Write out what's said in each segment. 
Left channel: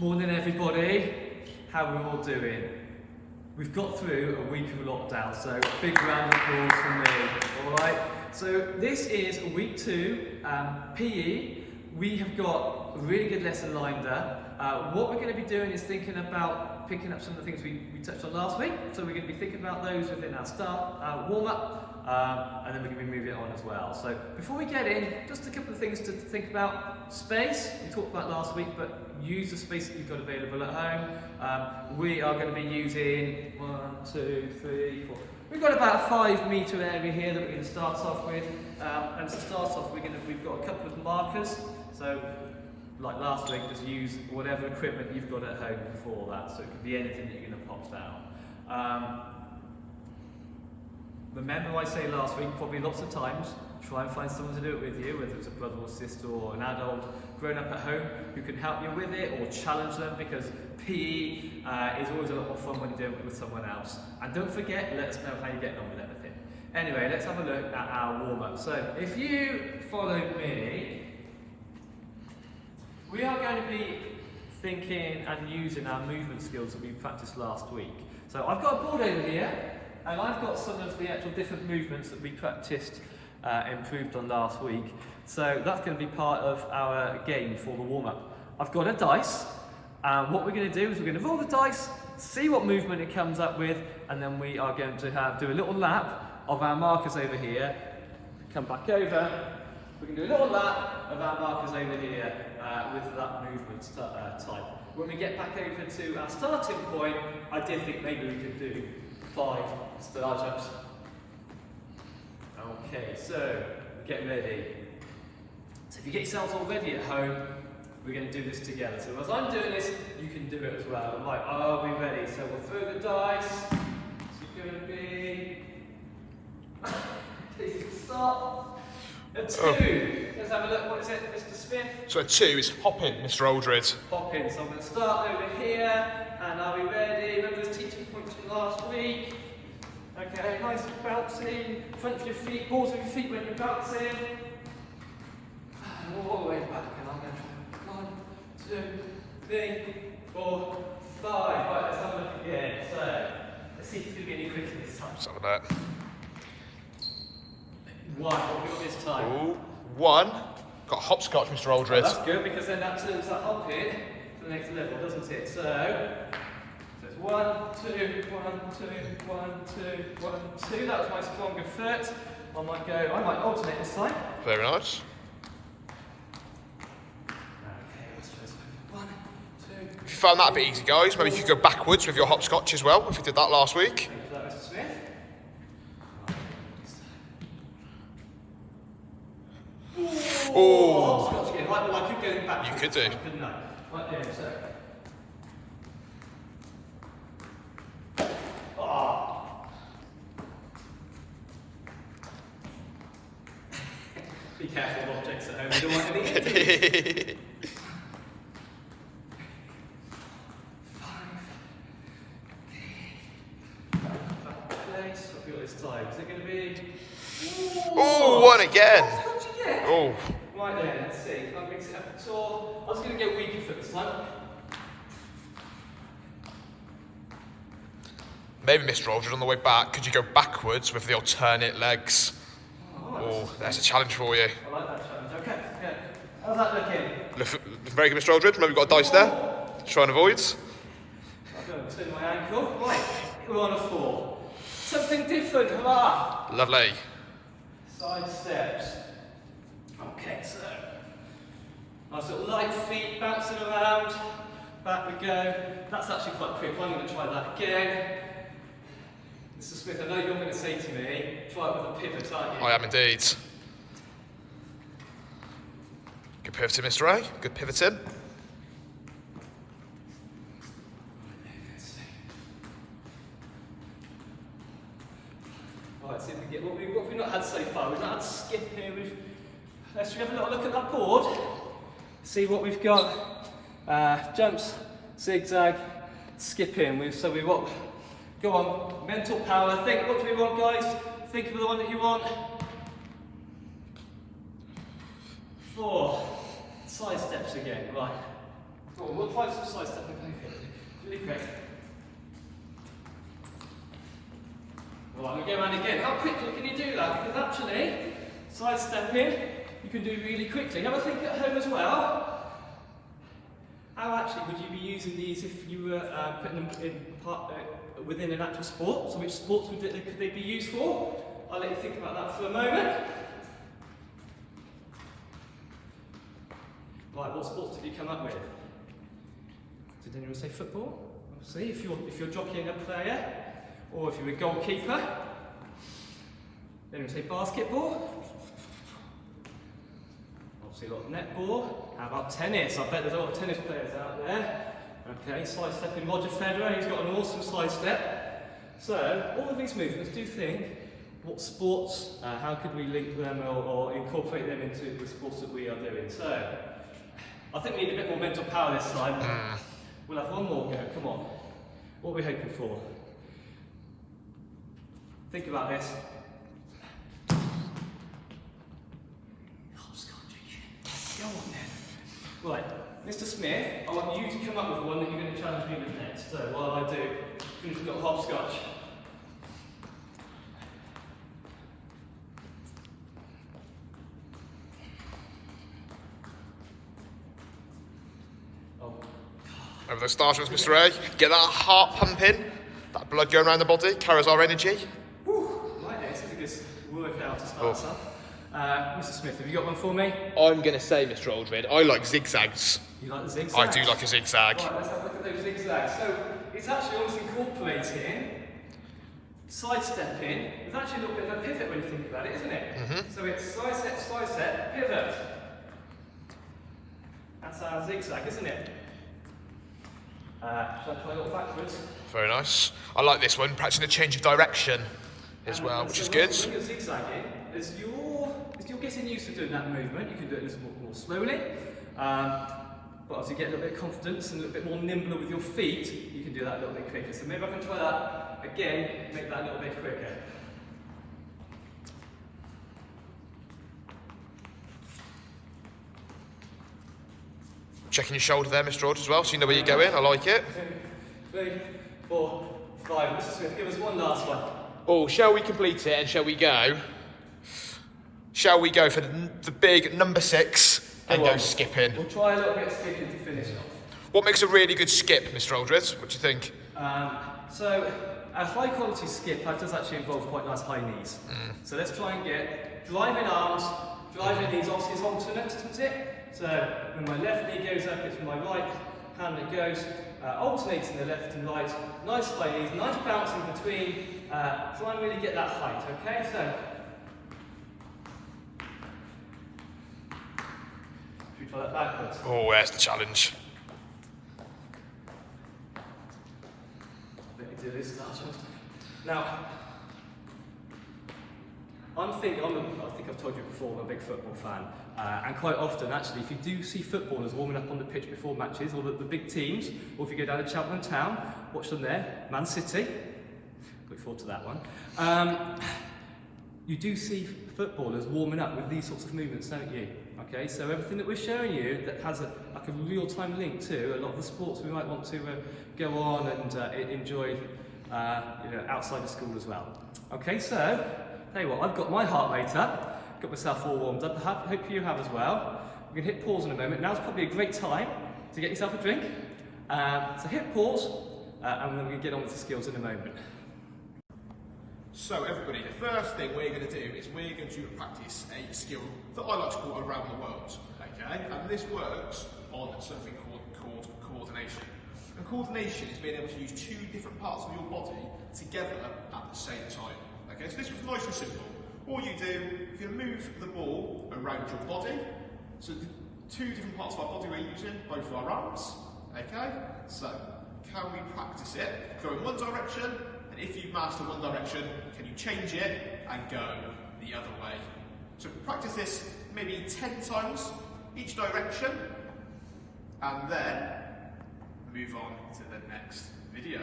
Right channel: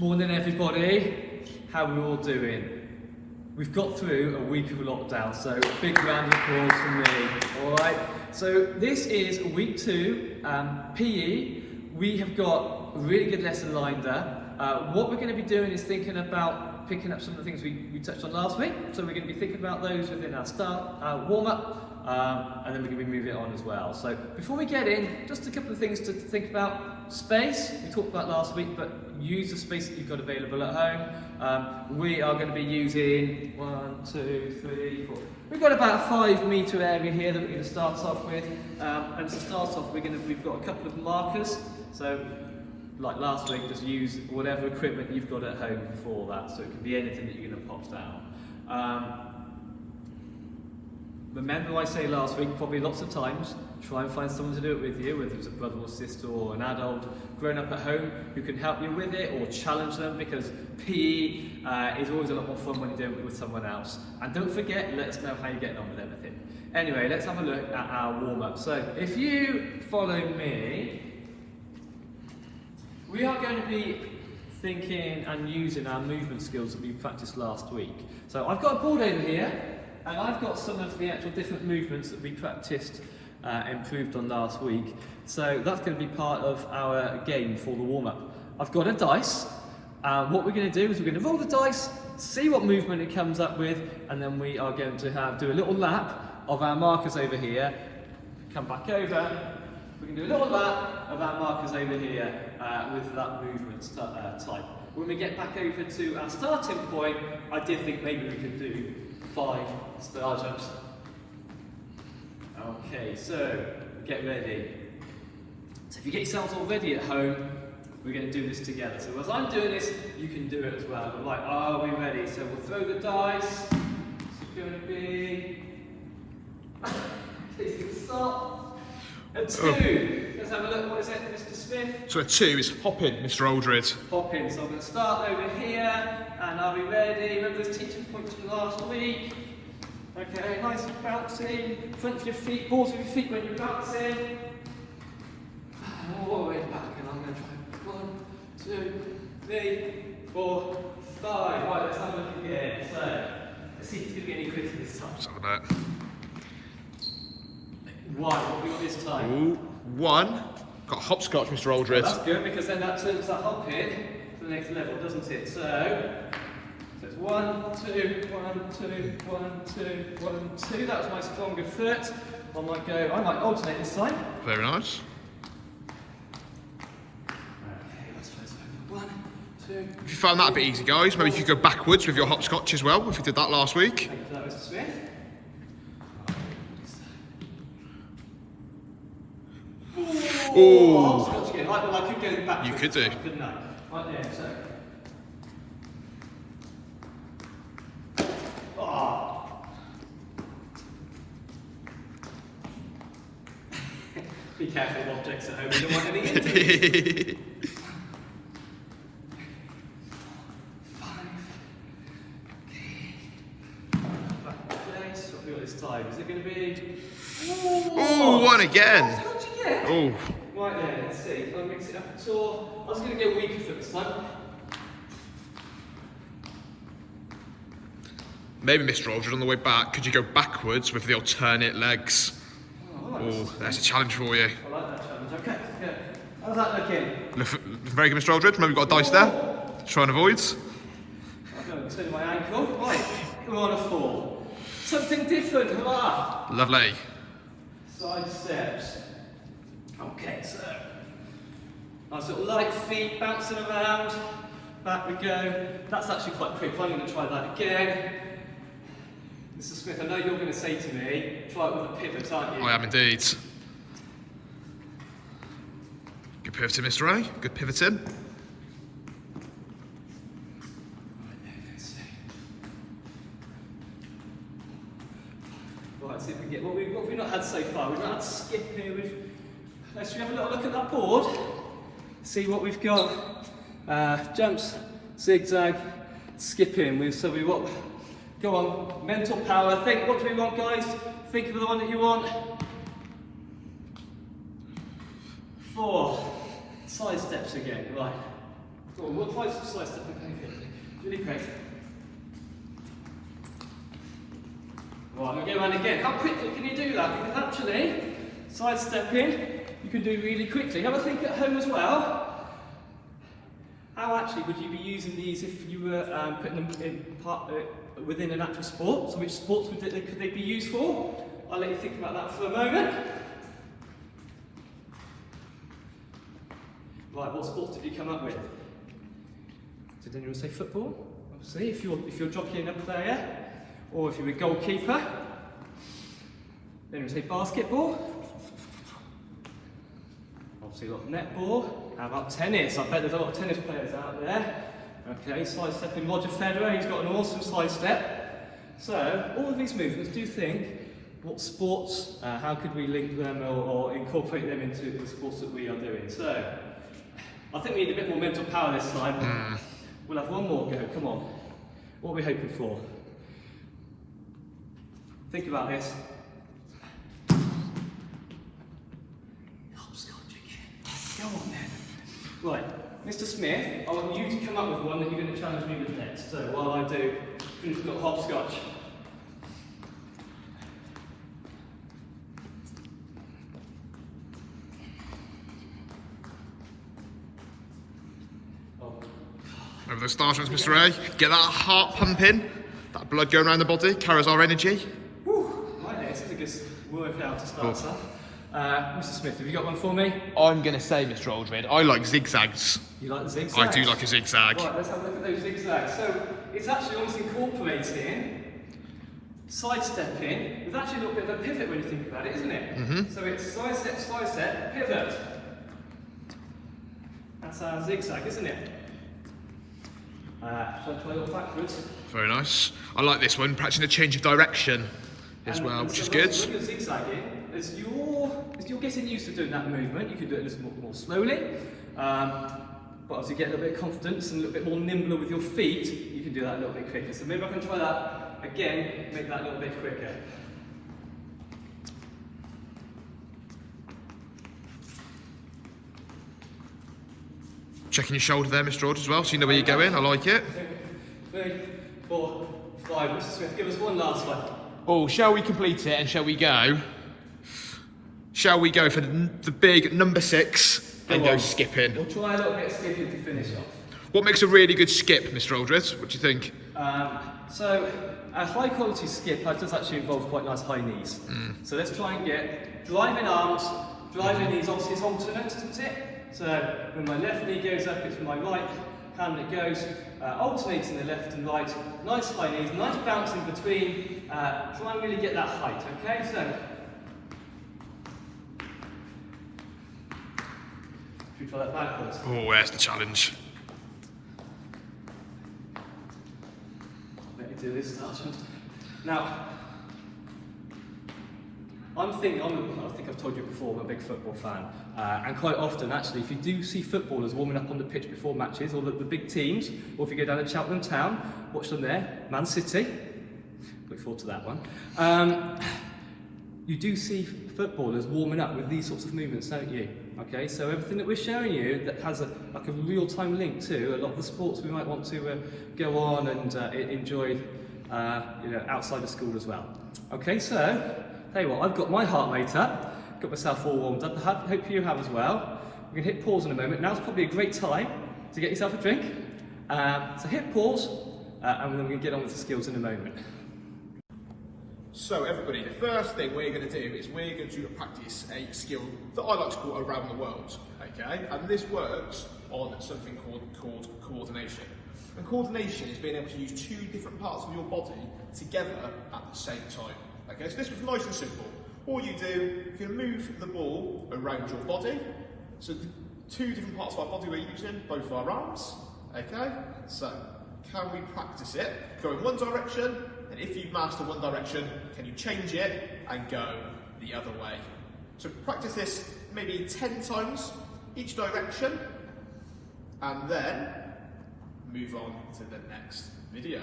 Morning everybody, how are we all doing? We've got through a week of lockdown, so a big round of applause from me, alright? So this is week 2, PE. We have got a really good lesson lined up. What we're going to be doing is thinking about picking up some of the things we touched on last week. So we're going to be thinking about those within our start, warm-up, and then we're going to be moving it on as well. So before we get in, just a couple of things to think about. Space, we talked about last week, but use the space that you've got available at home. We are going to be using 1, 2, 3, 4. We've got about a 5 metre area here that we're going to start off with. And to start off, we've got a couple of markers. So, like last week, just use whatever equipment you've got at home for that. So it can be anything that you're going to pop down. Remember I say last week, probably lots of times, try and find someone to do it with you, whether it's a brother or sister or an adult grown up at home who can help you with it or challenge them, because PE is always a lot more fun when you're doing it with someone else. And don't forget, let us know how you're getting on with everything. Anyway, let's have a look at our warm-up. So if you follow me, we are going to be thinking and using our movement skills that we practiced last week. So I've got a board over here, and I've got some of the actual different movements that we practiced improved on last week. So that's going to be part of our game for the warm-up. I've got a dice. What we're going to do is we're going to roll the dice, see what movement it comes up with, and then we are going to do a little lap of our markers over here. Come back over. We can do a little lap of our markers over here with that movement type. When we get back over to our starting point, I did think maybe we could do 5 star jumps. Okay, so get ready. So if you get yourselves all ready at home, we're going to do this together. So as I'm doing this, you can do it as well. I'm like, are we ready? So we'll throw the dice. It's going to be... Please stop. A 2. Let's have a look. What is it, Mr. Smith? So a 2 is hopping, Mr. Aldred. Hopping. So I'm going to start over here. And are we ready? Remember those teaching points from last week? Okay, nice and bouncing. Front of your feet, balls of your feet when you're bouncing. And all the way back. And I'm going to try 1, 2, 3, 4, 5. Right, let's have a look again. So, let's see if it's going to be any quicker this time. Let's have that. 1. What have we got this time? Ooh, 1. Got hopscotch, Mr. Aldred. Oh, that's good, because then that turns that hopping to the next level, doesn't it? So it's 1, 2, 1, 2, 1, 2, 1, 2. That was my stronger foot. I might alternate this time. Very nice. Okay, let's try this over. 1, 2. If you found that a bit easy, guys, maybe you could go backwards with your hopscotch as well, if you did that last week. Thank you for that, Mr. Smith. Oh, Hopscotch again. I could go back. You could do. Couldn't I? Right there, so. Be careful of objects at home, you don't want any injuries. 5. Okay, so what have we got this time? Is it going to be... oh, 1 again. Hopscotch again? Oh. Right then, let's see. If I mix it up at all. I was going to go weaker for this time. Maybe, Mr. Aldred, on the way back, could you go backwards with the alternate legs? Oh, that's a challenge for you. I like that challenge. Okay, yeah. How's that looking? Very good, Mr. Aldred. Remember, we've got a dice there. Try and avoid. I'm going to turn my ankle. Right, we're on a 4. Something different. Ah. Lovely. Side steps. Okay, so nice little light feet bouncing around. Back we go. That's actually quite quick. I'm going to try that again. Mr. Smith, I know you're going to say to me, try it with a pivot, aren't you? I am indeed. Good pivoting, Mr. A. Good pivoting. Right, see if we can get what we've not had so far. We've not had skipping. Let's have a little look at that board. See what we've got. Jumps, zigzag, skipping. So we want. Go on, mental power. Think, what do we want, guys? Think of the one that you want. 4. Side steps again, right. Cool, we'll try some side stepping really quick. Right, we go around again. How quickly can you do that? Because actually, side stepping, you can do really quickly. Have a think at home as well. How actually would you be using these if you were putting them in within an actual sport? So which sports could they be used for? I'll let you think about that for a moment. Right, what sports did you come up with? Did anyone say football? Obviously, if you're jockeying a player, or if you're a goalkeeper. Did anyone say basketball? Obviously a lot of netball. How about tennis? I bet there's a lot of tennis players out there. Okay, side stepping Roger Federer, he's got an awesome side step. So, all of these movements, do think, what sports, how could we link them or incorporate them into the sports that we are doing? So, I think we need a bit more mental power this time. We'll have one more go, come on. What are we hoping for? Think about this. Hopscotch again. Go on then. Right, Mr. Smith, I want you to come up with one that you're going to challenge me with next. So while I do, finish a little hopscotch. Over the starters, Mr. A. Get that heart pumping, that blood going around the body, carries our energy. Whew, right there, this is a good workout to start us off. Mr. Smith, have you got one for me? I'm going to say, Mr. Aldred, I like zigzags. You like the zigzags? I do like a zigzag. Right, let's have a look at those zigzags. So it's actually almost incorporating side stepping with actually a little bit of a pivot when you think about it, isn't it? So it's side step, pivot. That's our zigzag, isn't it? Shall I try a little backwards? Very nice. I like this one, practicing a change of direction as well, which is good. When you're zigzagging, as you're getting used to doing that movement, you can do it a little more slowly. But as you get a little bit of confidence and a little bit more nimbler with your feet, you can do that a little bit quicker. So maybe I can try that again, make that a little bit quicker. Checking your shoulder there, Mr. Aldred, as well, so you know where you're going. I like it. 2, 3, 4, 5. Mr. Smith, give us one last one. Oh, shall we complete it and shall we go? Shall we go for the big number 6 and go skipping? We'll try a little bit of skipping to finish off. What makes a really good skip, Mr. Aldred? What do you think? So a high quality skip does actually involve quite nice high knees. So let's try and get driving arms, driving knees. Obviously it's alternate, isn't it? So when my left knee goes up, it's my right hand that goes, alternating the left and right. Nice high knees, nice bounce in between. Try and really get that height, okay? So, should we try that backwards? Oh, where's the challenge? Let me do this start. Now, I think I've told you before, I'm a big football fan. And quite often, actually, if you do see footballers warming up on the pitch before matches, or the big teams, or if you go down to Cheltenham Town, watch them there, Man City, look forward to that one. You do see footballers warming up with these sorts of movements, don't you? Okay, so everything that we're showing you that has a real-time link to a lot of the sports we might want to go on and enjoy outside of school as well. Okay, so, tell you what, I've got my heart rate up, got myself all warmed up, I hope you have as well. We're going to hit pause in a moment. Now's probably a great time to get yourself a drink. So hit pause, and then we're going to get on with the skills in a moment. So everybody, the first thing we're going to do is we're going to practice a skill that I like to call around the world, okay? And this works on something called coordination. And coordination is being able to use 2 different parts of your body together at the same time. Okay, so this was nice and simple. All you do, you can move the ball around your body. So the 2 different parts of our body we're using, both our arms. Okay, so can we practice it? Go in one direction, and if you master one direction, can you change it and go the other way? So practice this maybe 10 times each direction, and then move on to the next video.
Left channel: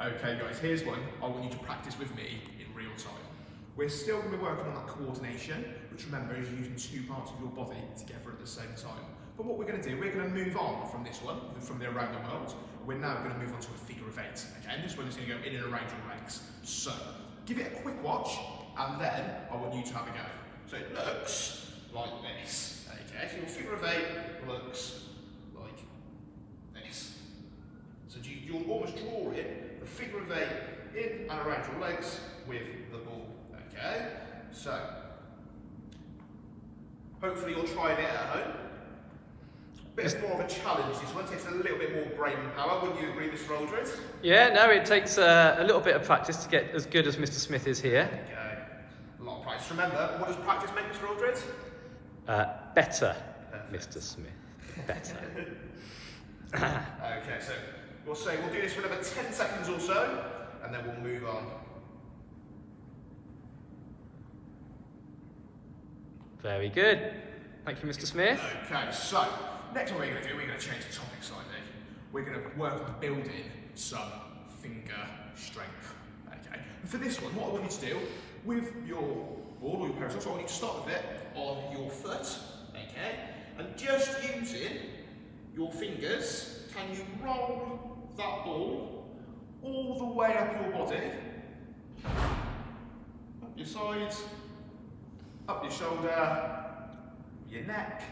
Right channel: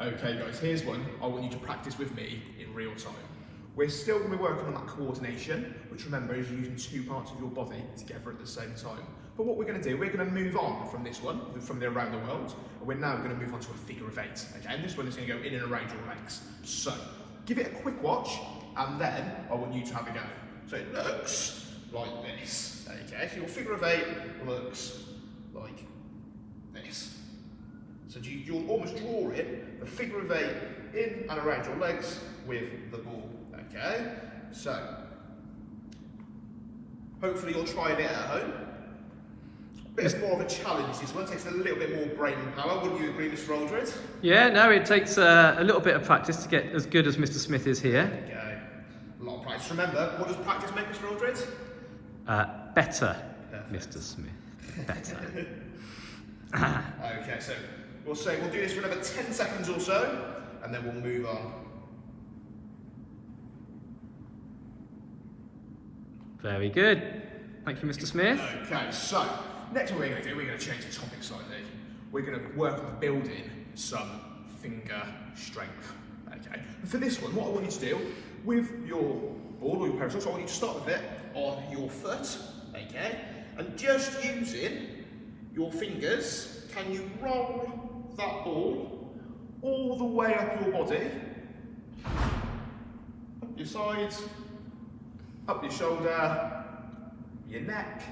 Okay guys, here's one I want you to practice with me in real time. We're still going to be working on that coordination, which remember is using 2 parts of your body together at the same time. But what we're going to do, we're going to move on from this one, from the around the world, and we're now going to move on to a figure of 8. Okay, and this one is going to go in and around your legs. So, give it a quick watch, and then I want you to have a go. So it looks like this. Okay, so your figure of 8 looks like this. So you're almost drawing the figure of 8 in and around your legs with the ball. Okay, so hopefully you're trying it at home. Bit more of a challenge, this one takes a little bit more brain power, wouldn't you agree, Mr. Aldred? Yeah, no, it takes a little bit of practice to get as good as Mr. Smith is here. Okay, a lot of practice. Remember, what does practice make, Mr. Aldred? Better, Perfect. Mr. Smith. Better. Okay, so we'll do this for another 10 seconds or so, and then we'll move on. Very good. Thank you, Mr. Smith. Okay, so next what we're going to do, we're going to change the topic slightly. We're going to work on building some finger strength. Okay, and for this one, what I want you to do with your ball or your pair of socks, I want you to start with it on your foot. Okay, and just using your fingers, can you roll that ball all the way up your body, up your sides, up your shoulder, your neck,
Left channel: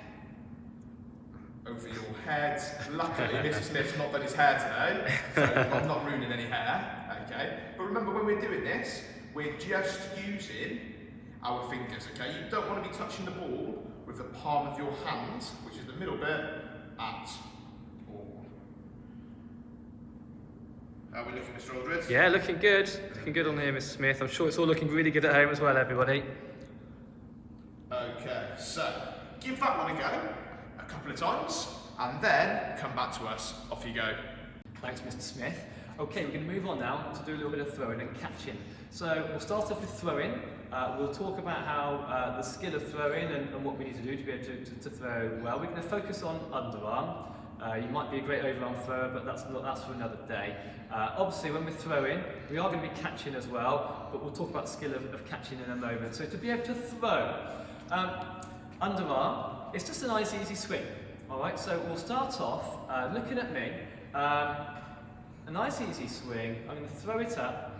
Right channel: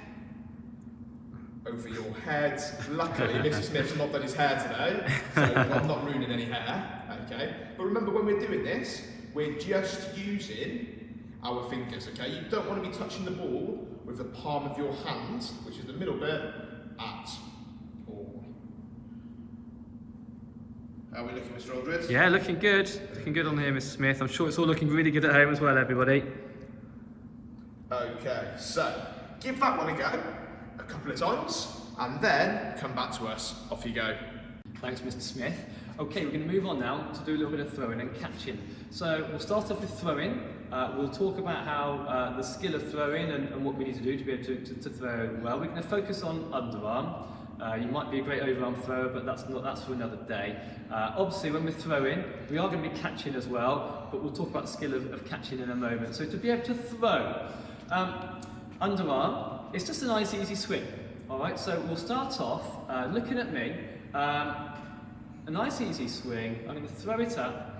over your head. Luckily, Mr. Smith's not done his hair today, so I'm not ruining any hair, okay? But remember, when we're doing this, we're just using our fingers, okay? You don't want to be touching the ball with the palm of your hand, which is the middle bit, at all. How are we looking, Mr. Aldred? Yeah, looking good. Looking good on here, Mr. Smith. I'm sure it's all looking really good at home as well, everybody. Okay, so give that one a go a couple of times and then come back to us. Off you go. Thanks, Mr. Smith. Okay, we're going to move on now to do a little bit of throwing and catching. So we'll start off with throwing. We'll talk about how the skill of throwing and what we need to do to be able to throw well. We're going to focus on underarm. You might be a great overarm thrower, but that's for another day. Obviously, when we're throwing, we are going to be catching as well, but we'll talk about the skill of catching in a moment. So to be able to throw, underarm, it's just a nice easy swing. All right, so we'll start off looking at me. A nice easy swing. I'm going to throw it up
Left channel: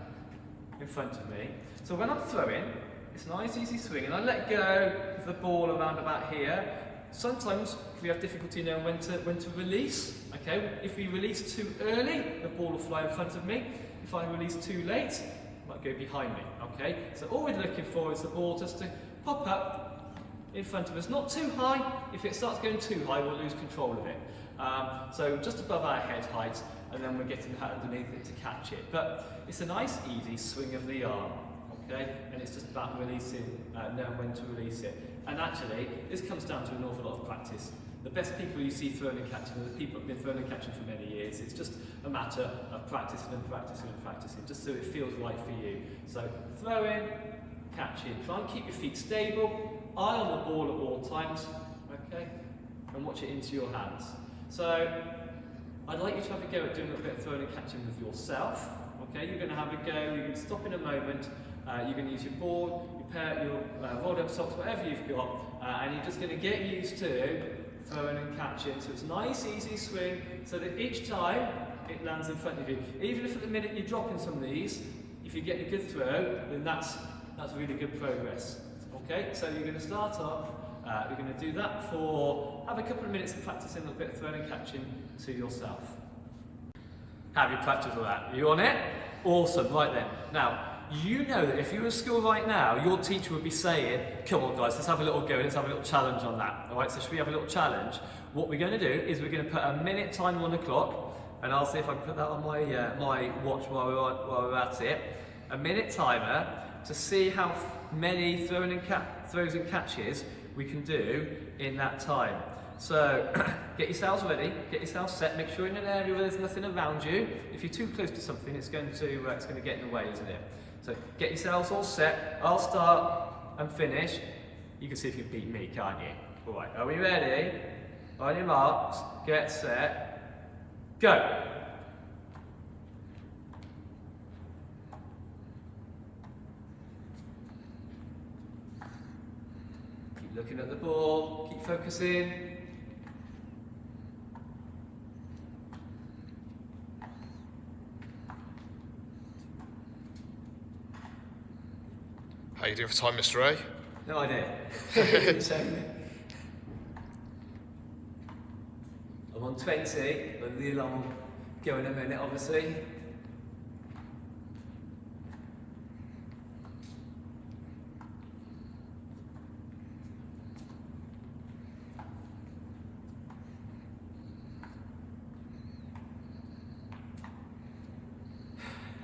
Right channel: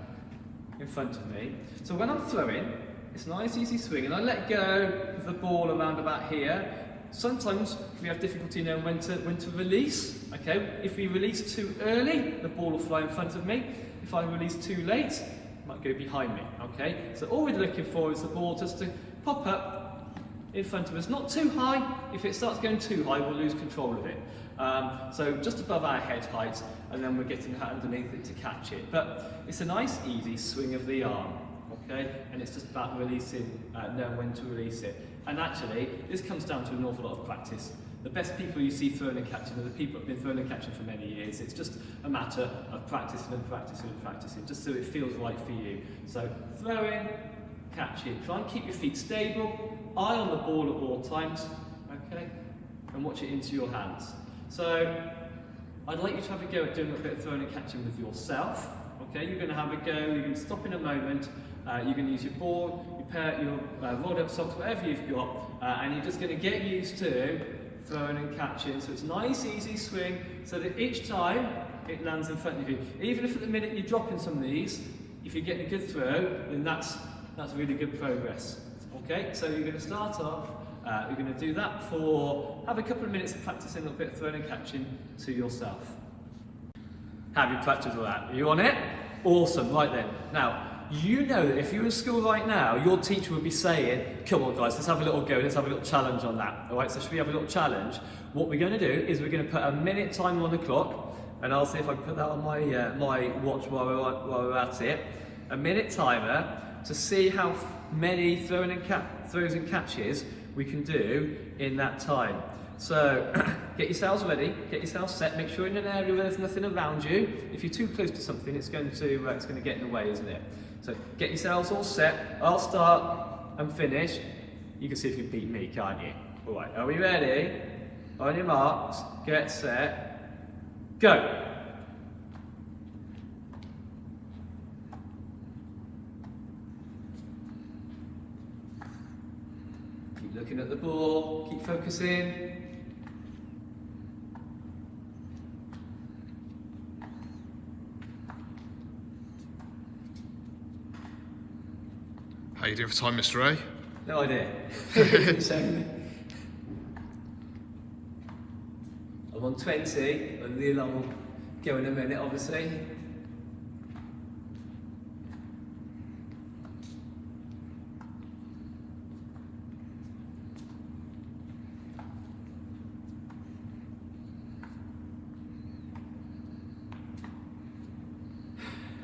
in front of me. So when I'm throwing, it's a nice easy swing, and I let go of the ball around about here. Sometimes we have difficulty knowing when to release. Okay, if we release too early, the ball will fly in front of me. If I release too late, it might go behind me. Okay, so all we're looking for is the ball just to pop up in front of us, not too high. If it starts going too high, we'll lose control of it. So just above our head height, and then we're getting underneath it to catch it. But it's a nice, easy swing of the arm, okay? And it's just about releasing, knowing when to release it. And actually, this comes down to an awful lot of practice. The best people you see throwing and catching are the people who've been throwing and catching for many years. It's just a matter of practicing and practicing and practicing, just so it feels right for you. So throwing, catching. Try and keep your feet stable, eye on the ball at all times, okay? And watch it into your hands. So I'd like you to have a go at doing a little bit of throwing and catching with yourself. Okay, you're going to have a go, you're going to stop in a moment, you're going to use your ball, your rolled up socks, whatever you've got, and you're just going to get used to throwing and catching. So it's a nice easy swing, so that each time it lands in front of you. Even if at the minute you're dropping some of these, if you're getting a good throw, then that's really good progress. Okay, so you're going to start off. You're going to do that have a couple of minutes of practicing a little bit of throwing and catching to yourself. Have you practiced all that? Are you on it? Awesome, right then. Now, you know that if you're in school right now, your teacher would be saying, come on guys, let's have a little go, let's have a little challenge on that. All right, so should we have a little challenge? What we're going to do is we're going to put a minute timer on the clock, and I'll see if I can put that on my watch while we're at it. A minute timer to see how many throws and catches we can do in that time. So get yourselves ready, get yourselves set, make sure you're in an area where there's nothing around you. If you're too close to something, it's going to get in the way, isn't it? So get yourselves all set. I'll start and finish. You can see if you beat me, can't you? All right, are we ready? On your marks, get set, go. Looking at the ball, keep focusing. How you doing for time, Mr. A? No idea. I'm on 20, and the alarm will go in a minute, obviously.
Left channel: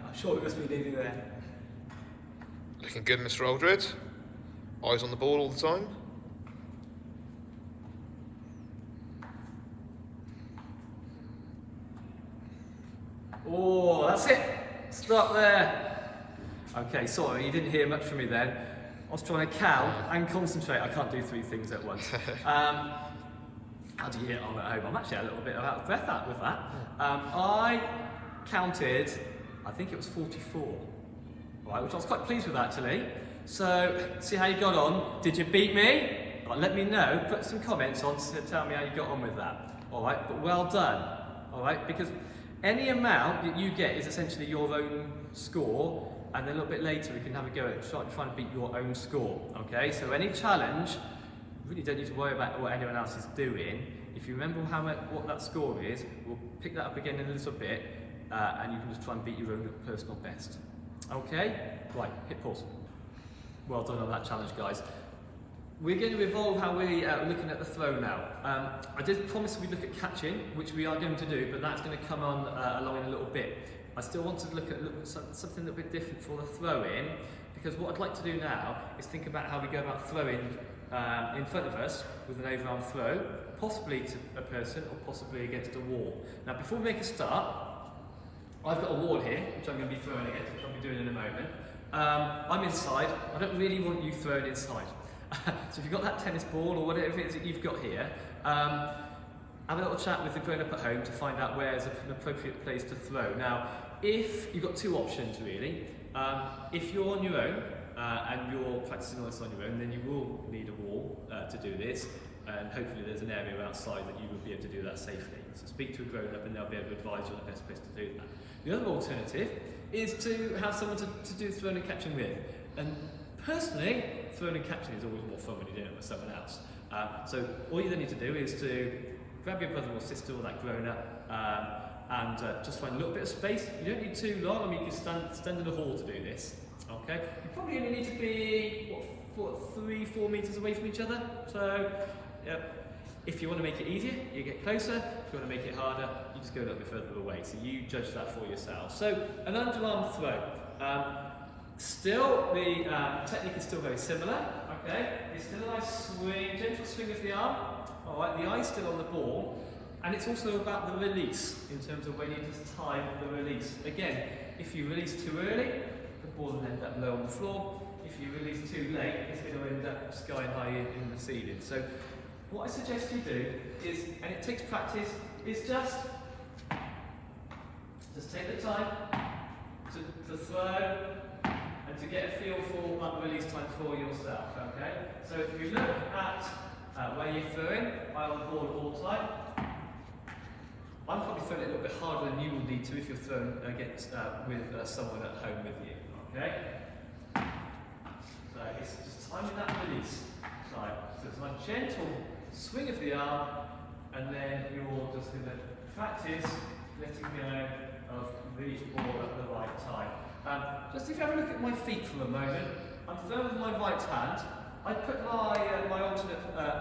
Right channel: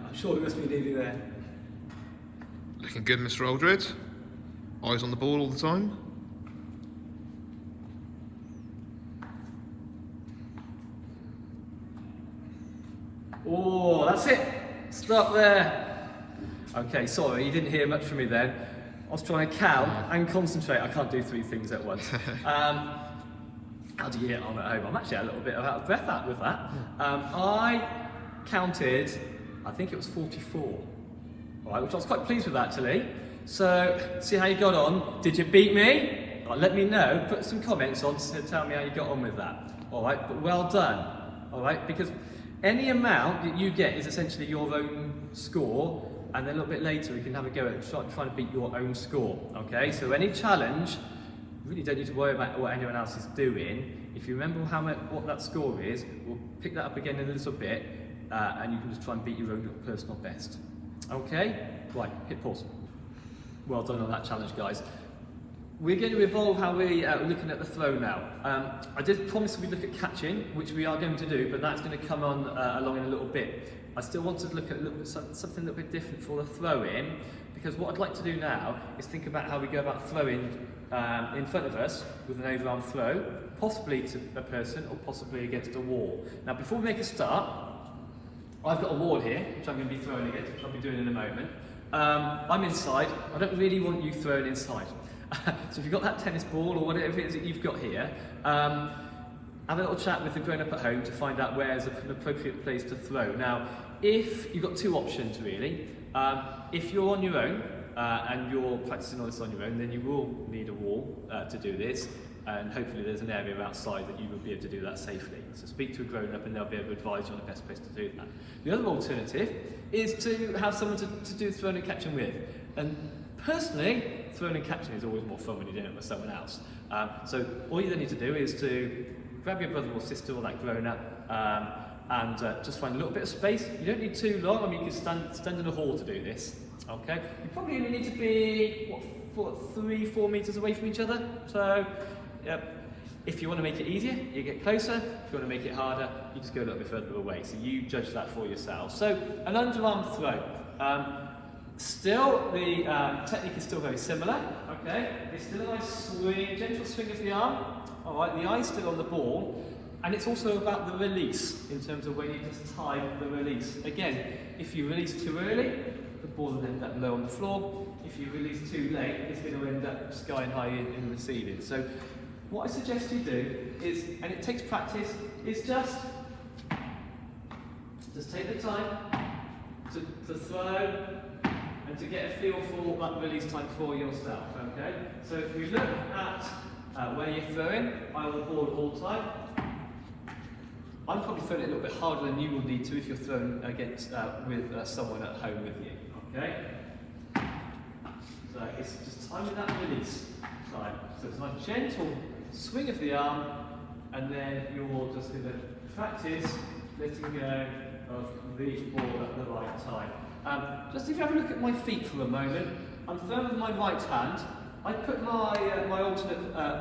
I'm sure it must be nearly there. Looking good, Mr. Aldred. Eyes on the ball all the time. Oh, that's it. Stop there. Okay, sorry, you didn't hear much from me then. I was trying to count and concentrate. I can't do 3 things at once. How do you get on at home? I'm actually a little bit out of breath with that. I counted, I think it was 44, all right, which I was quite pleased with actually. So, see how you got on. Did you beat me? All right, let me know. Put some comments on to tell me how you got on with that. All right, but well done. All right, because any amount that you get is essentially your own score, and then a little bit later we can have a go at trying to beat your own score. Okay, so any challenge, you really don't need to worry about what anyone else is doing. If you remember what that score is, we'll pick that up again in a little bit, and you can just try and beat your own personal best. Okay, right, hit pause. Well done on that challenge, guys. We're going to evolve how we're looking at the throw now. I did promise we'd look at catching, which we are going to do, but that's going to come on along in a little bit. I still want to look at something a little bit different for the throw-in, because what I'd like to do now is think about how we go about throwing in front of us with an overarm throw, possibly to a person or possibly against a wall. Now, before we make a start, I've got a wall here, which I'm going to be throwing against, which I'll be doing in a moment. I'm inside. I don't really want you thrown inside. So if you've got that tennis ball or whatever it is that you've got here, have a little chat with the grown-up at home to find out where's an appropriate place to throw. Now, if you've got 2 options really. If you're on your own and you're practicing all this on your own, then you will need a wall to do this, and hopefully there's an area outside that you will be able to do that safely. So speak to a grown-up and they'll be able to advise you on the best place to do that. The other alternative is to have someone to do throwing and catching with. And personally, throwing and catching is always more fun when you're doing it with someone else. So all you then need to do is to grab your brother or sister or that grown-up and just find a little bit of space. You don't need too long. I mean, you can stand in a hall to do this. Okay, you probably only need to be 3-4 meters away from each other. So, if you want to make it easier, you get closer. If you want to make it harder, you just go a little bit further away. So you judge that for yourself. So an underarm throw. Still, the technique is still very similar. Okay, it's still a nice swing, gentle swing of the arm. All right, the eye's still on the ball. And it's also about the release, in terms of when you just time the release. Again, if you release too early, the ball will end up low on the floor. If you release too late, it's going to end up sky high in the ceiling. So what I suggest you do is, and it takes practice, is just take the time to throw and to get a feel for that release time for yourself, okay? So if you look at where you're throwing, eye on the ball all the time. I'm probably throwing it a little bit harder than you will need to if you're throwing against with someone at home with you. Okay. So it's just timing that release time. So it's a nice gentle swing of the arm, and then you're just going to practice letting go of the ball at the right time. Just if you have a look at my feet for a moment, I'm throwing with my right hand. I put my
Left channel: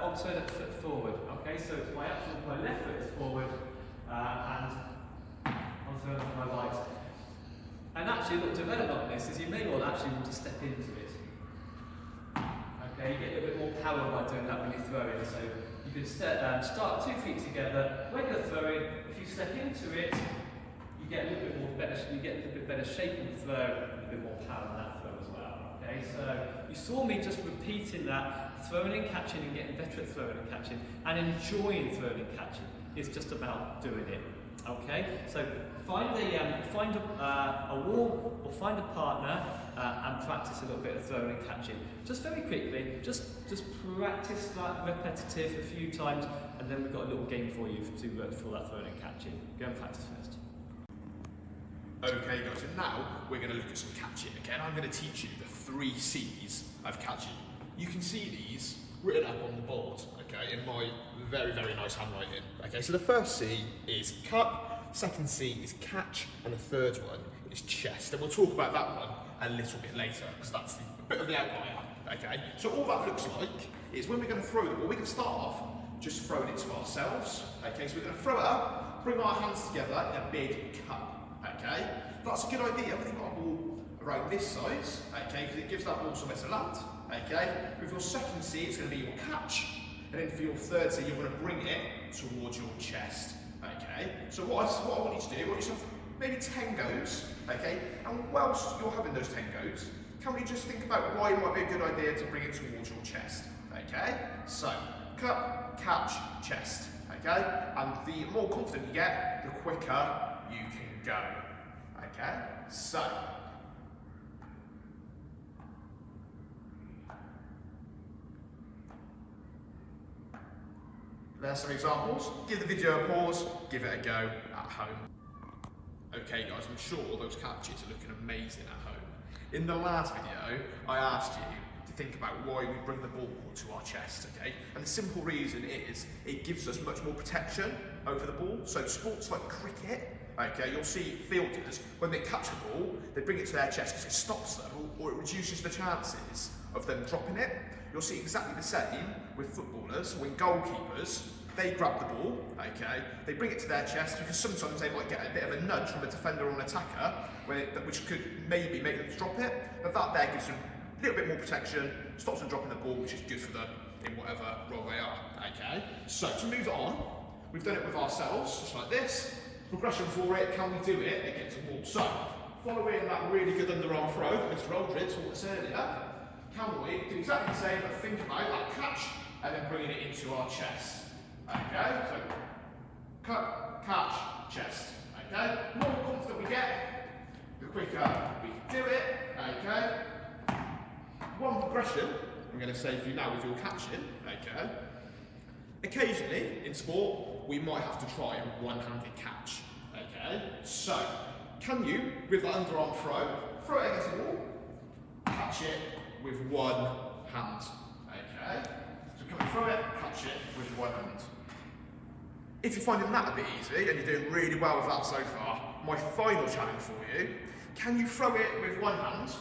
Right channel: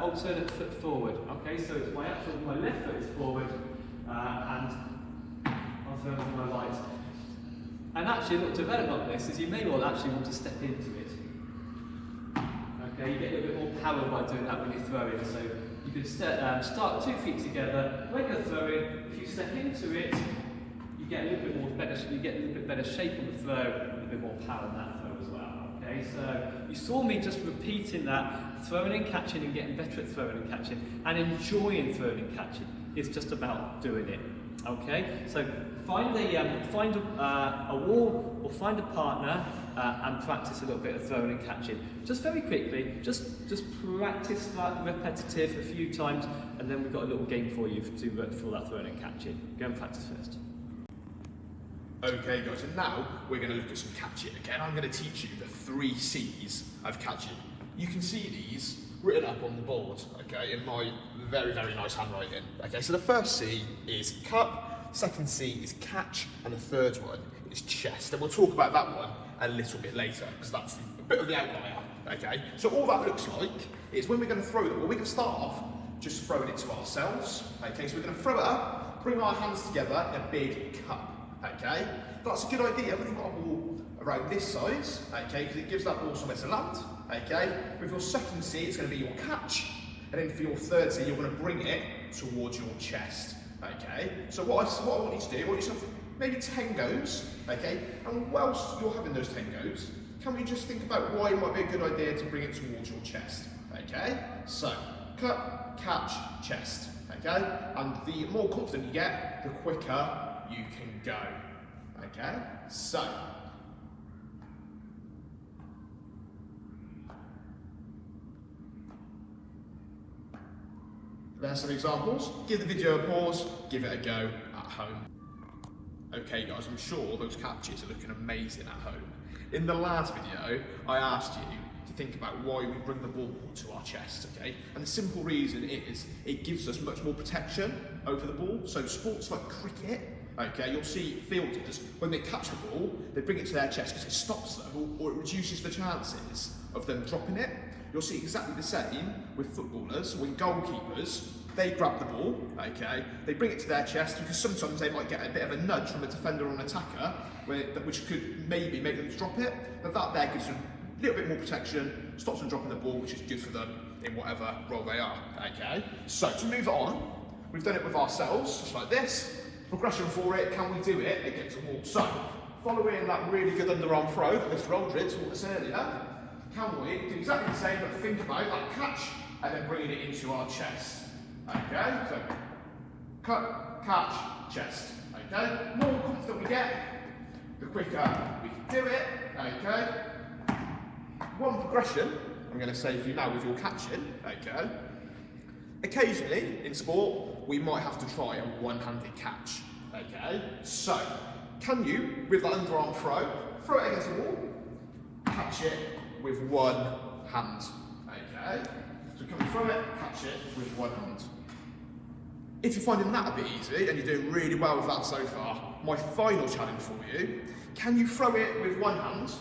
alternate foot forward. Okay, so it's my left foot is forward. And I'm throwing with my right. And actually, a little development on this is you may well actually want to step into it. Okay, you get a little bit more power by doing that when you're throwing. So you can start 2 feet together. When you're throwing, if you step into it, you get a little bit more better. You get a little bit better shape on the throw, and a bit more power in that throw as well. Okay, so you saw me just repeating that, throwing and catching, and getting better at throwing and catching, and enjoying throwing and catching. It's just about doing it. Okay, so find a wall or find a partner and practice a little bit of throwing and catching. Just very quickly, just practice that repetitive a few times, and then we've got a little game for you for that throwing and catching. Go and practice first. Okay guys, and now we're going to look at some catching. Okay, and I'm going to teach you the 3 C's of catching. You can see these written up on the board, okay, in my very, very nice handwriting. Okay, so the first C is cup, second C is catch, and the third one is chest. And we'll talk about that one a little bit later, because that's a bit of the outlier, okay? So all that looks like is when we're going to throw the ball, we're going to start off just throwing it to ourselves, okay? So we're going to throw it up, bring our hands together in a big cup. Okay, that's a good idea when you've got a ball around this size, okay, because it gives that ball somewhere to land, okay. With your second C, it's going to be your catch, and then for your third C, you're going to bring it towards your chest, okay. So what I want you to do, I want you to have maybe 10 goes, okay, and whilst you're having those 10 goes, can we just think about why it might be a good idea to bring it towards your chest, okay. So, cup, catch, chest, okay, and the more confident you get, the quicker you can go. Okay, so there's some examples. Give the video a pause, give it a go at home. Okay guys, I'm sure those catches are looking amazing at home. In the last video, I asked you to think about why we bring the ball to our chest, okay? And the simple reason is it gives us much more protection over the ball. So sports like cricket, okay, you'll see fielders, when they catch the ball, they bring it to their chest because it stops them or it reduces the chances of them dropping it. You'll see exactly the same with footballers. When goalkeepers, they grab the ball, okay, they bring it to their chest because sometimes they might get a bit of a nudge from a defender or an attacker, which could maybe make them drop it, but that there gives them a little bit more protection, stops them dropping the ball, which is good for them in whatever role they are, okay? So to move on, we've done it with ourselves, just like this. Progression for it, can we do it against the wall? So, following that really good underarm throw that Mr. Aldridge taught us earlier, can we do exactly the same but think about that catch and then bringing it into our chest? Okay, so cut, catch, chest. Okay, the more confident we get, the quicker we can do it. Okay, one progression I'm going to say for you now with your catching. Okay, occasionally in sport we might have to try a one-handed catch. Okay, so can you, with that underarm throw it against the wall, catch it with one hand? Okay, so can we throw it, catch it with one hand? If you're finding that a bit easy and you're doing really well with that so far, my final challenge for you, can you throw it with one hand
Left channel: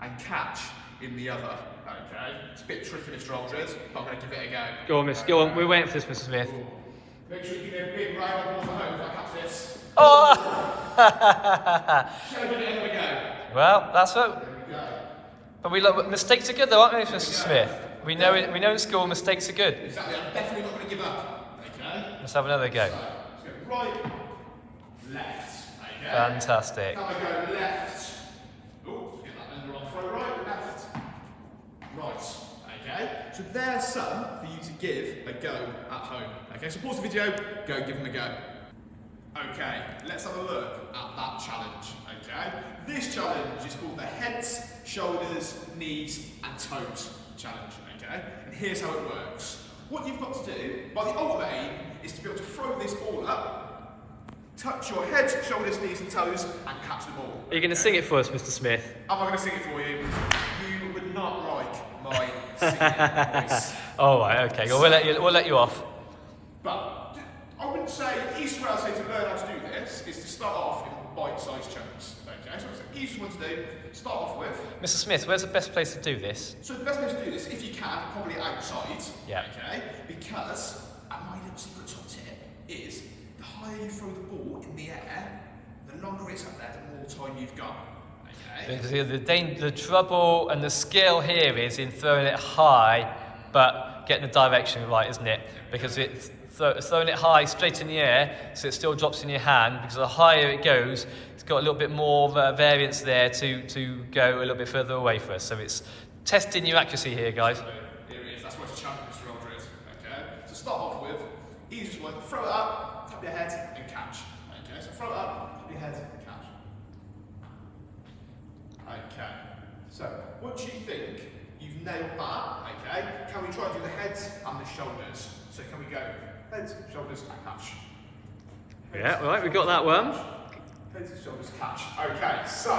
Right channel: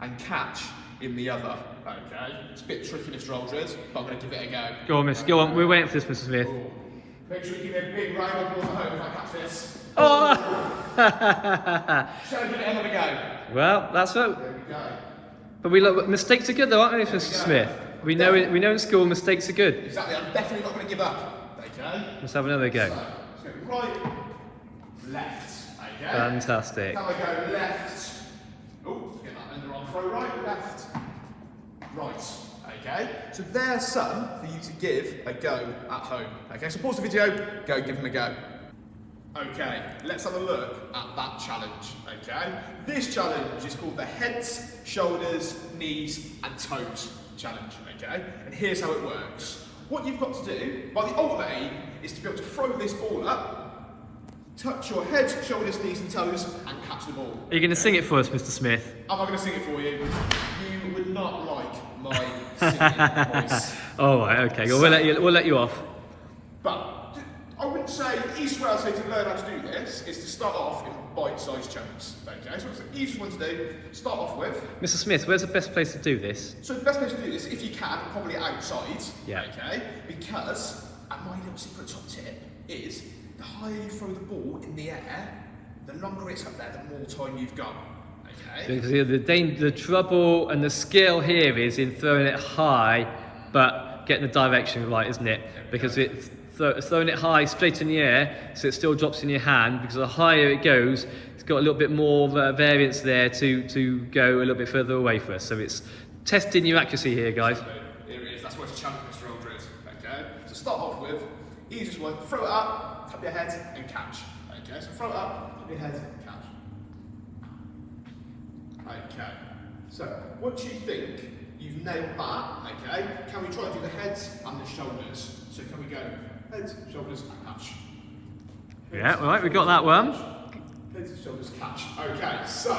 and catch in the other? Okay, it's a bit tricky, Mr. Aldridge, but I'm going to give it a go. Go on, Miss. Go on. We're waiting for this, Mr. Smith. Ooh. Make sure you give me a big round of applause at home if I catch this. Oh! Shall I give it another go? Well, that's right. There we go. But we look, mistakes are good, though, aren't they, Mr. Smith? We know in school mistakes are good. Exactly. I'm definitely not going to give up. Okay. Let's have another go. So, let's go right, left. Okay. Fantastic. Now I go left. Oh, get that underarm throw right, left, right. Okay. So there's some for you to give a go at home. Okay. So pause the video, go and give them a go. Okay, let's have a look at that challenge, okay? This challenge is called the heads, shoulders, knees and toes challenge, okay? And here's how it works. What you've got to do, by the ultimate aim, is to be able to throw this ball up, touch your head, shoulders, knees and toes and catch the ball. Are you going to sing it for us, Mr. Smith? Am I going to sing it for you? You would not like my singing voice. Oh, right, okay, we'll let you off. But I wouldn't say, the easiest way I'd say to learn how to do this is to start off in bite-sized chunks, okay? So it's the easiest one to do, start off with. Mr. Smith, where's the best place to do this? So the best place to do this, if you can, probably outside, yeah. Okay? Because, and my little secret top tip is, the higher you throw the ball in the air, the longer it's up there, the more time you've got, okay? The trouble and the skill here is in throwing it high, but getting the direction right, isn't it? Because it's throwing it high straight in the air so it still drops in your hand, because the higher it goes it's got a little bit more variance there to go a little bit further away for us. So it's testing your accuracy here, guys. Here it is, that's what it's a challenge, Mr. Aldridge, okay? So start off with, easiest one, throw it up, tap your head and catch, okay? So throw it up, tap your head, catch. Okay, so once you think you've nailed that, okay, can we try and do the heads and the shoulders? So can we go heads, shoulders, and catch? Yeah, right, we got that one. Heads and shoulders catch. Okay, so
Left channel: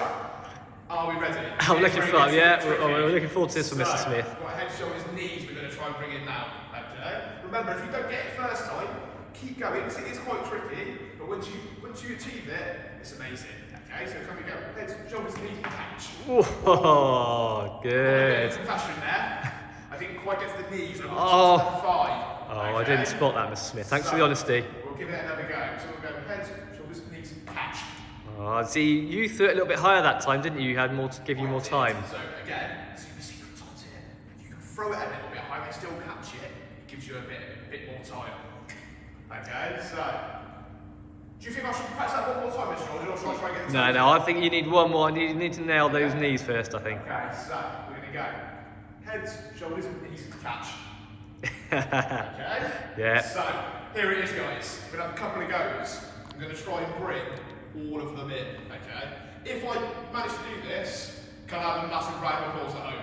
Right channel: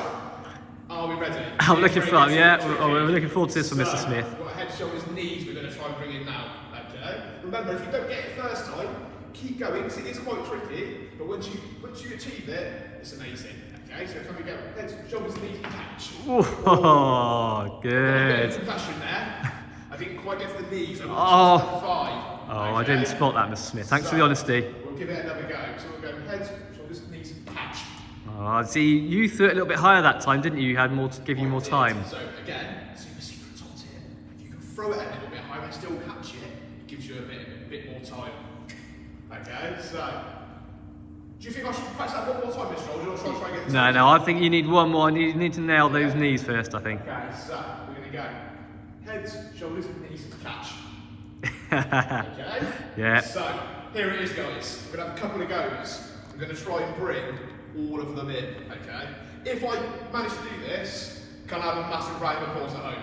are we ready? I'm looking forward, yeah. We're looking forward to this from Mr. Smith. We've got head, shoulders, knees. We're going to try and bring in now. Okay. Remember, if you don't get it first time, keep going. Because it is quite tricky, but once you achieve it, it's amazing. Okay. So can we go head, shoulders, knees, catch? Oh, good. Confession there. I didn't quite get to the knees. I got to the thigh. Oh, I didn't spot that, Mr. Smith. Thanks for the honesty. We'll give it another go. So we'll go head, shoulders, knees, catch. Oh, see, you threw it a little bit higher that time, didn't you? You had more to give you more time. So again, super secret sauce here. You can throw it a little bit higher and still catch it. It gives you a bit more time. Okay, so do you think I should press that one more time, Mr. Or should I try and get the time? No, I think you need one more. You need to nail those knees first, I think. Okay, so we're going to go heads, shoulders, knees, catch. Okay? Yeah. So here it is, guys. We're going to have a couple of goes. I'm going to try and bring all of them in, okay? If I manage to do this, can I have a massive round of applause at home?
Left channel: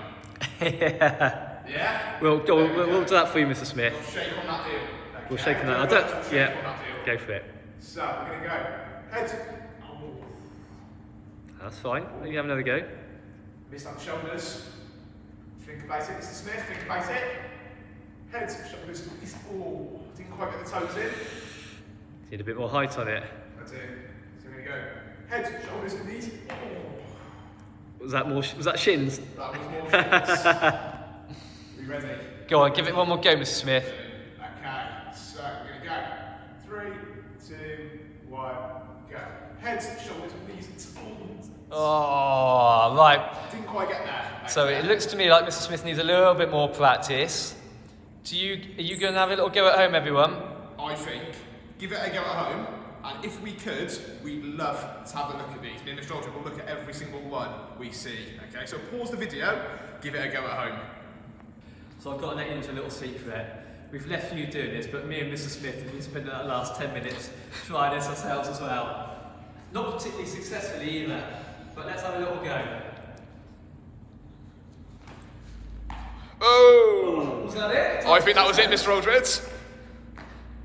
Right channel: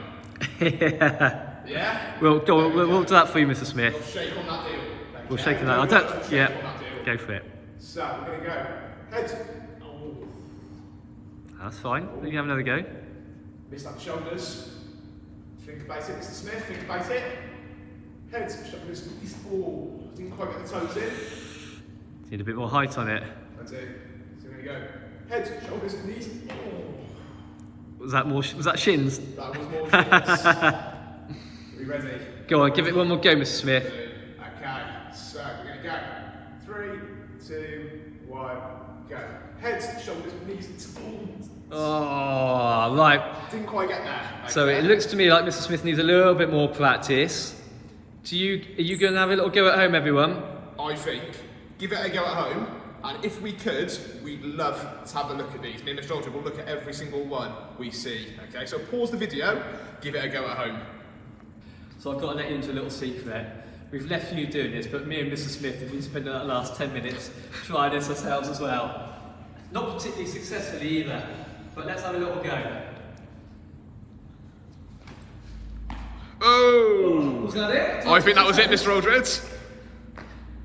Yeah. Yeah? Well, go on, we'll do that for you, Mr. Smith. We'll shake on that deal. Okay? We'll shake on that. I don't. Yeah. Go for it. So we're going to go heads. Oh. That's fine. You have another go. Missed out the shoulders. Think about it, Mr. Smith. Think about it. Heads, shoulders, knees. Oh, didn't quite get the toes in. Need a bit more height on it. I do. So we're going to go heads, shoulders, knees. Oh. Was that more? Was that shins? That was more shins. Are we ready? Go on, give it one more go, Mr. Smith. Okay, so we're going to go. 3, 2, 1, go. Heads, shoulders, knees. Oh, right. Didn't quite get there. Okay. So it looks to me like Mr. Smith needs a little bit more practice. Are you going to have a little go at home, everyone? I think. Give it a go at home. And if we could, we'd love to have a look at these. Me and Mr. Aldrin will look at every single one we see. Okay, so pause the video, give it a go at home. So I've got to let you into a little secret. We've left you doing this, but me and Mr. Smith have been spending that last 10 minutes trying this ourselves as well. Not particularly successfully either, but let's have a little go. Oh! Was that it? I think that was it, Mr. Aldrin.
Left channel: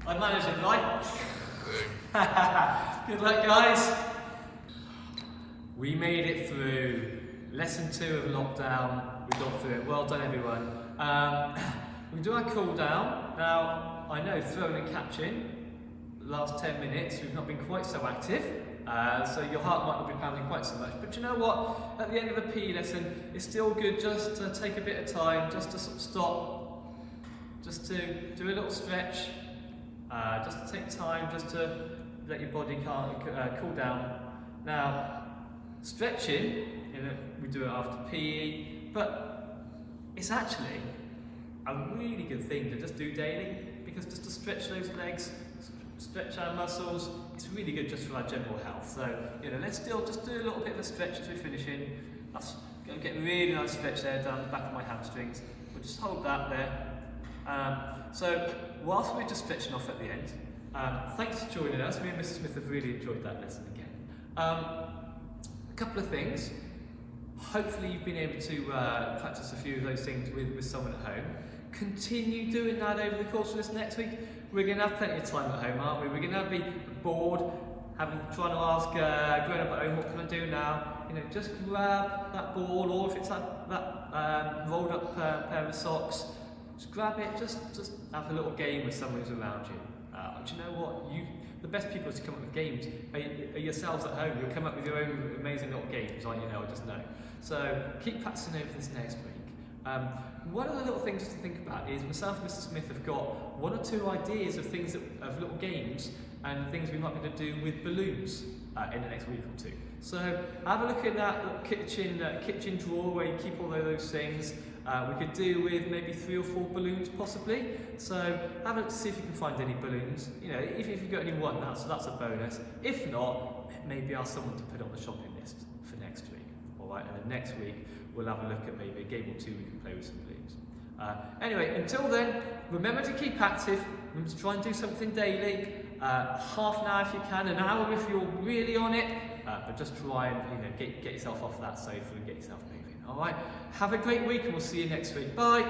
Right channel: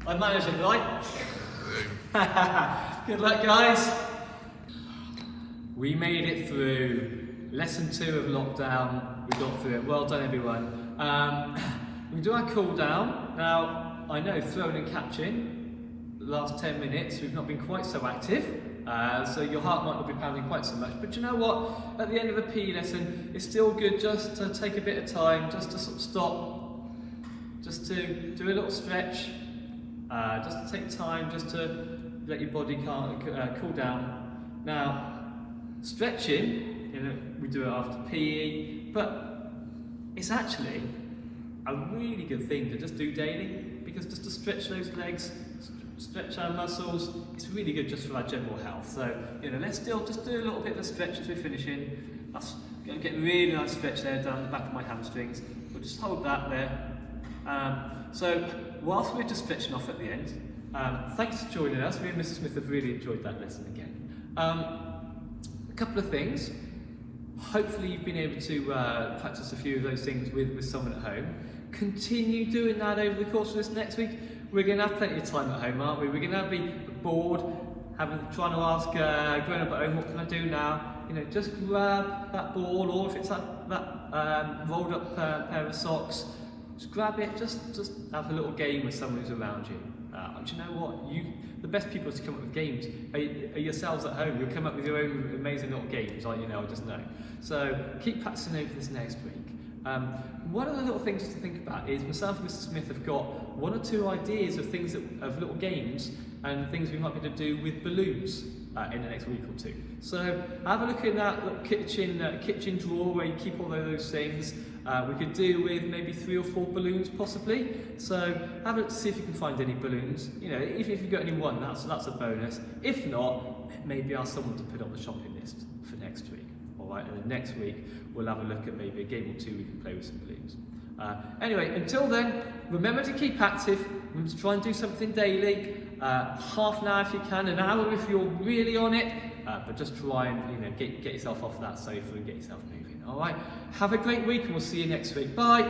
I managed it, right? Good luck, guys. We made it through lesson 2 of lockdown. We got through it. Well done, everyone. We do our cool down. Now, I know throwing and catching, the last 10 minutes, we've not been quite so active. So your heart might not be pounding quite so much. But you know what? At the end of a PE lesson, it's still good just to take a bit of time, just to sort of stop, just to do a little stretch, just to take time, just to let your body cool down. Now, stretching, you know, we do it after PE, but it's actually a really good thing to just do daily, because just to stretch those legs, stretch our muscles, it's really good just for our general health. So, you know, let's still just do a little bit of a stretch as we're finishing. That's going to get a really nice stretch there down the back of my hamstrings. We'll just hold that there. So, whilst we're just stretching off at the end, thanks for joining us. Me and Mrs. Smith have really enjoyed that lesson again. A couple of things. Hopefully you've been able to practice a few of those things with someone at home. Continue doing that over the course of this next week. We're going to have plenty of time at home, aren't we? We're going to be bored, trying to ask grown up at home, what can I do now? You know, just grab that ball, or if it's that rolled up pair of socks, just grab it, just have a little game with someone who's around you. Do you know what? The best people to come up with games are yourselves at home. You'll come up with your own amazing little games, aren't you? I just know. So keep practicing over this next week. One of the little things to think about is myself and Mr. Smith have got 1 or 2 ideas of things of little games and things we might be able to do with balloons in the next week or 2. So have a look in that little kitchen drawer where you keep all of those things. We could do with maybe 3 or 4 balloons possibly. So have a look to see if you can find any balloons. You know, even if you've got only one, that's a bonus. If not, maybe ask someone to put it on the shopping list for next week. All right, and then next week we'll have a look at maybe a game or 2 we can play with some balloons. Anyway, until then, remember to keep active. Remember to try and do something daily. Half an hour if you can, an hour if you're really on it. But just try and get yourself off that sofa and get yourself moving. All right. Have a great week, and we'll see you next week. Bye.